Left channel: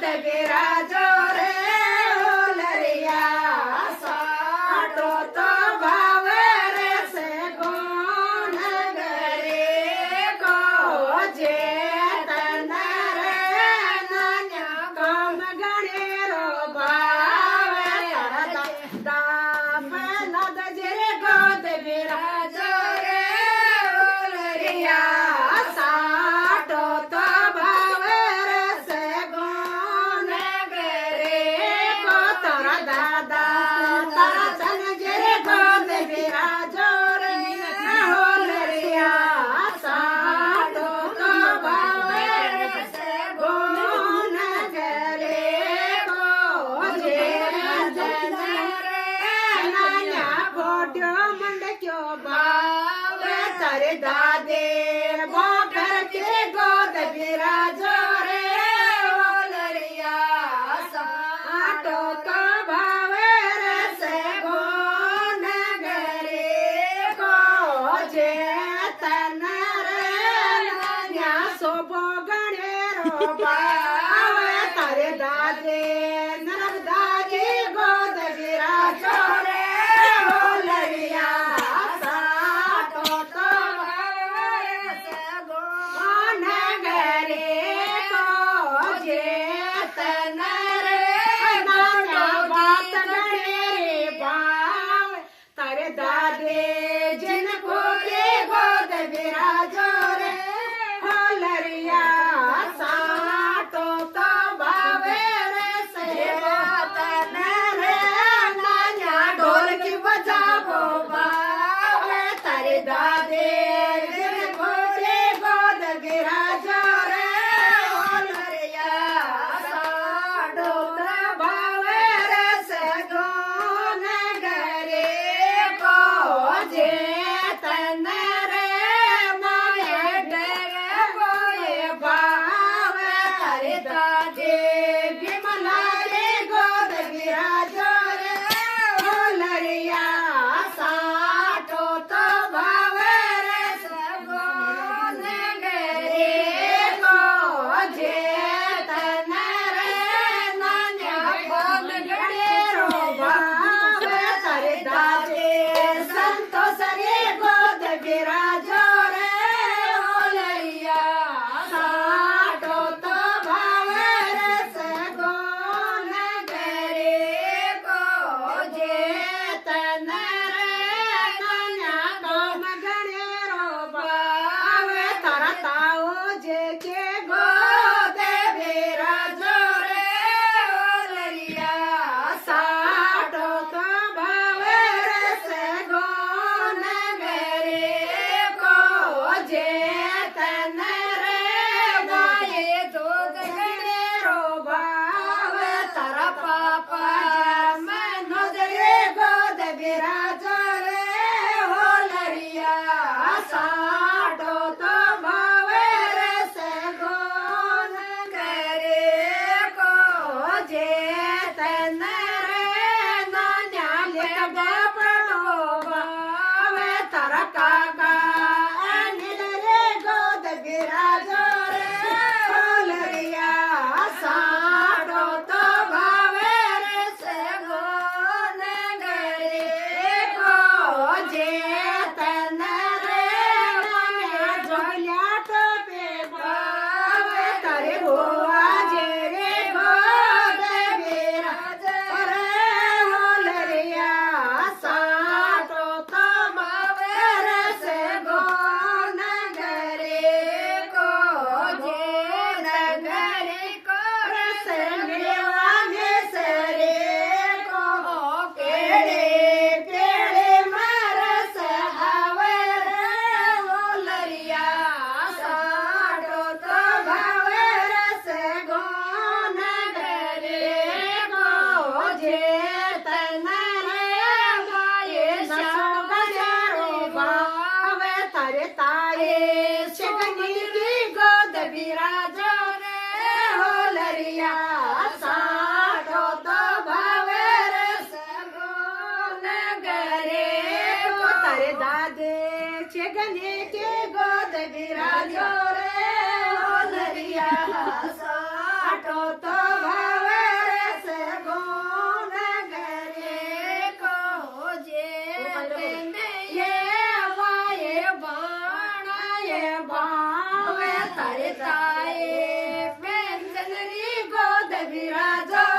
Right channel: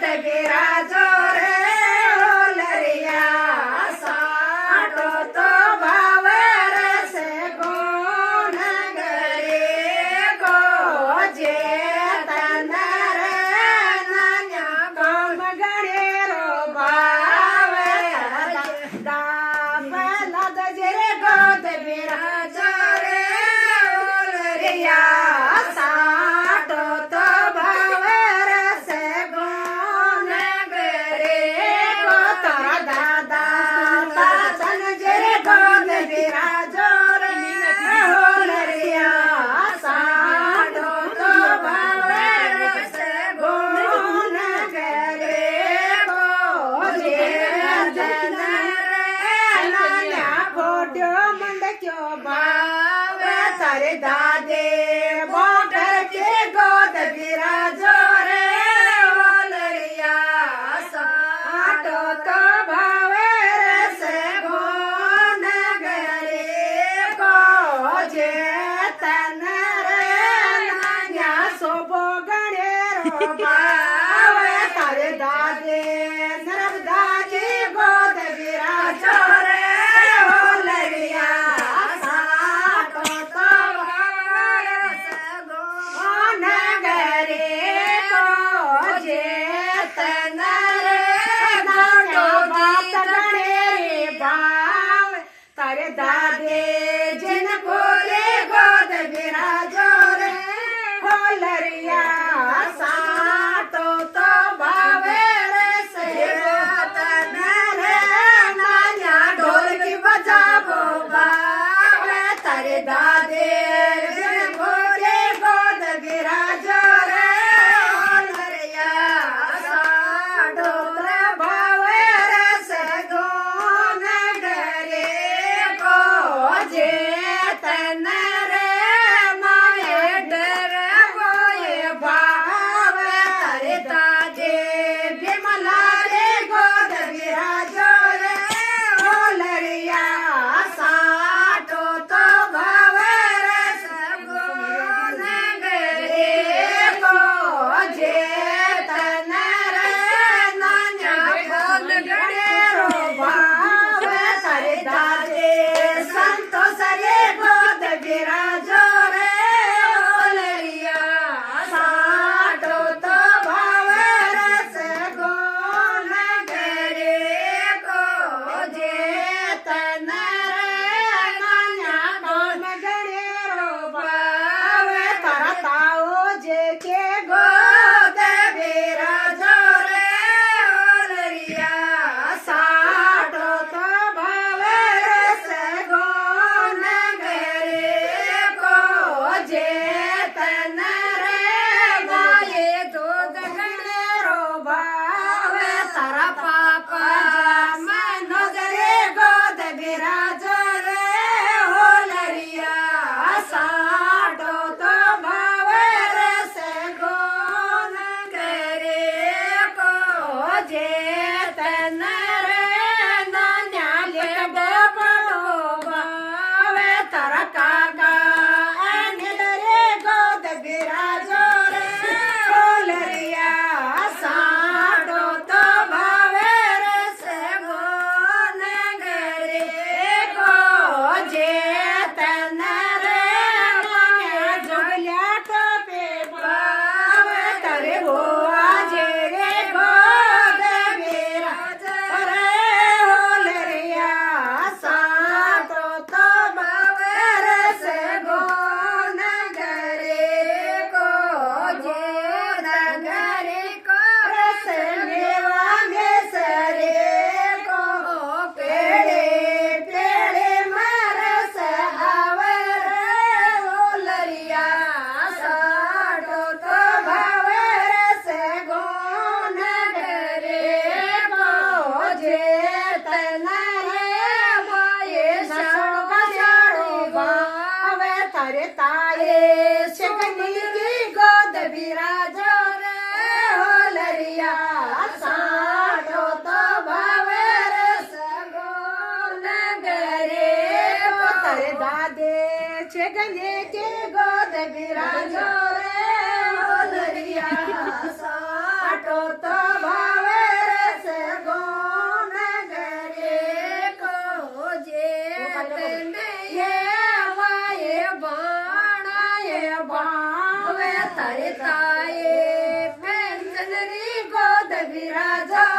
गोद बिराजो रे ओलरिया साटो तो भावे रस गुण गरे को जे तन रे नान्या गोम गणेरो भावे दाप नद जे गोद बिराजो रे ओलरिया साटो तो भावे रस गुण गरे को तोरा दादा दासन जे गोद बिराजो रे ओलरिया साटो तो भावे रस गुण गरे को जे जन रे नान्या फोटो मंडक्यो भावे तारे दादे मोटर के गोद बिराजो रे ओलरिया साटो तो भावे रस गुण गरे को जे तन रे नान्या सोबो गणेरो भावे तारे दादे नरदा के गोद बिराजो रे ओलरिया साटो तो भावे रस गुण गरे को जे तन रे नाटो बात गणेरे भाव तारे दादे जिनको के गोद बिराजो रे ओलरिया साटो तो भावे रस तन रे नान्या ढोलकी बजावो भावे तारे दादे जिनको के गोद बिराजो रे ओलरिया साटो तो भावे रस गुण गरे को जे तन रे माये डर बोए भावे तारे दादे विमला रे गोद बिराजो रे ओलरिया साटो तो भावे रस गुण गरे को जे तन रे नान्या गोद गणेरो भावे तारे दादे संतोष रे गोद बिराजो रे ओलरिया साटो तो भावे रस गुण गरे को जे तन रे नान्या गोम गणेरो भावे तारा ताओ जे के गोद बिराजो रे ओलरिया साटो तो भावे रस गुण गरे को जे तन रे माये दूध गणेरो भावे तारा पापा मनोज रे गोद बिराजो रे ओलरिया साटो तो भावे रस गुण गरे को जे तन रे नान्या गोपड़ो भावे तारा काका अनिल रे गोद बिराजो रे ओलरिया साटो तो भावे रस गुण गरे को जे तन रे नान्या जोल्या टोपे भावे तारे हुआ जे रे गोद बिराजो रे ओलरिया साटो तो भावे रस गुण गरे को जे नगरे को रस मेवा में सरे को पेड़े पेड़े मरस आवर ओलरिया साटो तो भावे रस गुण गरे को जे तन रे माये सो गजारो भावे तारे ताये शगनी की गोद बिराजो रे ओलरिया साटो तो भावे रस गुण गरे को तारे दादे शगनी के गोद बिराजो रे ओलरिया साटो तो વિરાજો